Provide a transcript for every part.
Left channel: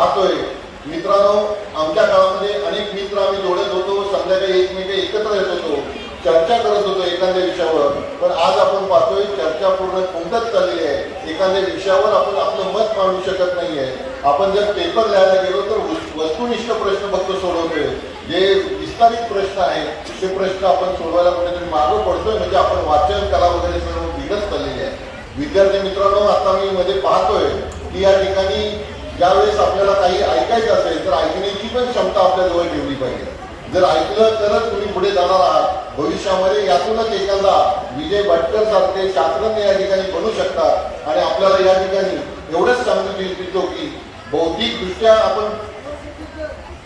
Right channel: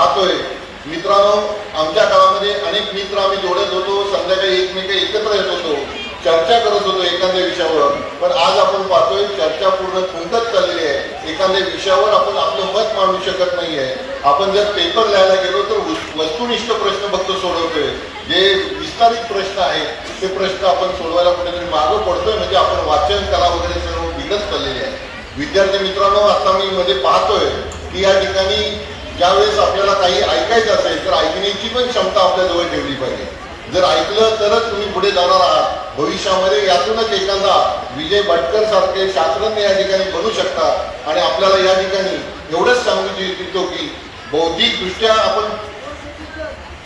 पाहतोय मित्रांनो, आमच्या काळामध्ये अनेक मित्र आम्ही जोडत होतो, संध्याकाळी एकमेक एकत्र येत होतो, चर्चा करत होतो एखाद्या विषयावर. पण आज आपण पाहतोय चर्चा पूर्ण थुंकत चाललेली आहे. एखाद्या विषयावर आपण आपलं मत मांडू शकत नाहीये. आपण जर पेपर लिहायला गेलो तर वस्तुनिष्ठ प्रश्न फक्त सोडवतोय. जे विस्तारित प्रश्न आहेत ते प्रश्न आपण सोडवायला कुठेतरी मागं पडतोय. म्हणजे आपण वाचन कला वगैरे सर्व बिघडत चाललेली आहे. विद्यार्थी मित्रांनो, आता मी मध्ये पाहतोय की या ठिकाणी ज्यावेळेस आपल्याला काही ऐकायचं असेल तर ऐकण्याची पण क्षमता आपल्याजवळ ठेवली पाहिजे. जर ऐकलं तरच तुम्ही पुढे जाणार आहात. भविष्यामध्ये यातूनच एखादा विजय भटकर सारखे शास्त्रज्ञ या ठिकाणी बनू शकतात. आणि आपल्याला या ठिकाणी एवढंच सांगू इच्छितो की बौद्धिकदृष्ट्या आपण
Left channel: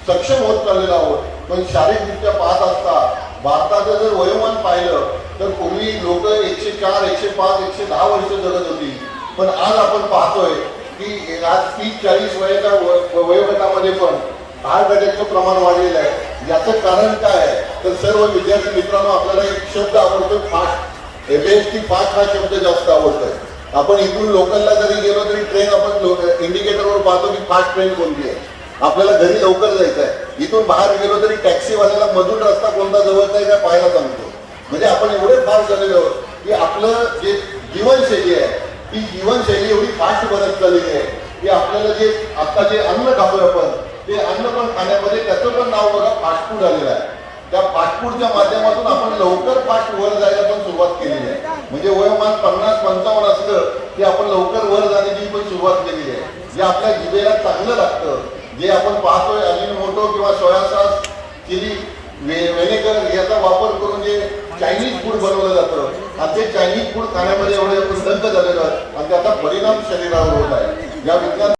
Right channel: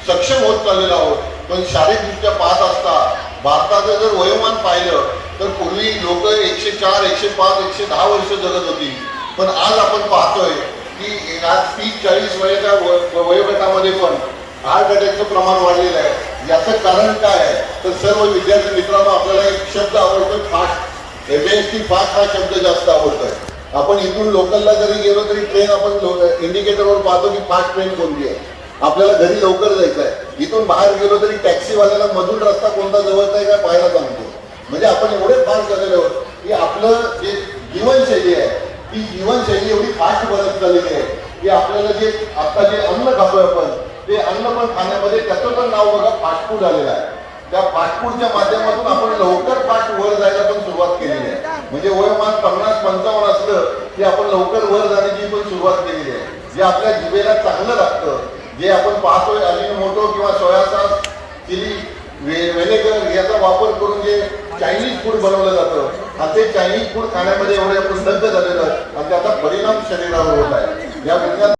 सक्षम होत चाललेलो आहोत, पण शारीरिकदृष्ट्या पाहत असता भारताचं जर वयोमान पाहिलं तर पूर्वी लोक 104, 105, 110 वर्ष जगत होती. पण आज आपण पाहतोय की आज 30-40 वयाच्या वयोगटामध्ये पण हार्ट अटॅकचं प्रमाण वाढलेलं आहे. याचं कारण काय आहे तर सर्व विद्यार्थी मित्रांनो, आपल्याला एक शब्द आवडतो फास्ट. एमएसटी फास्ट हा शब्द जास्त आवडतोय. आपण इथून लोकलला जरी गेलो तरी ट्रेन आपण इंडिकेटरवर पाहतो की फास्ट ट्रेन कोणती आहे. आपल्याला घरी लवकर जायचं आहे. इथून बाहेर गेलो तरी टॅक्सीवाल्याला मधून रस्ता कोणता जवळचा आहे का पाहायला सांगतो. म्हणजे आपण एवढे फास्ट झालेलो आहोत की आपलं जे जीवनशैली आहे ती जीवनशैली एवढी फास्ट बनत चाललेली आहे की आपल्याला जे आता जे अन्न खातोय आपण ते अन्न पण खाण्यामध्ये त्याचं पण नाव बघा फास्ट फूड आलेलं आहे. त्या फास्ट फूडच्या माध्यमातून आपण लवकर फास्ट वर जायला पण सुरुवात केलेली आहे. म्हणजे वयोमान 50-55 असलं की आपण लवकर वर जाण्याची पण सुरुवात केलेली आहे. जे आपल्या जिभेला चांगलं लागतं, जे आपण पाहतोय अजिनोमोटो किंवा सोया सॉस, चिली व्हिनेगर याचा वापर करून जे चायनीज फूड बनवलं जातं आणि ते चायनीज फूड खाण्यामध्ये एवढे आपण दंग झालेलं आणि त्याचा परिणाम शरीरावर होत आहे. या विज्ञान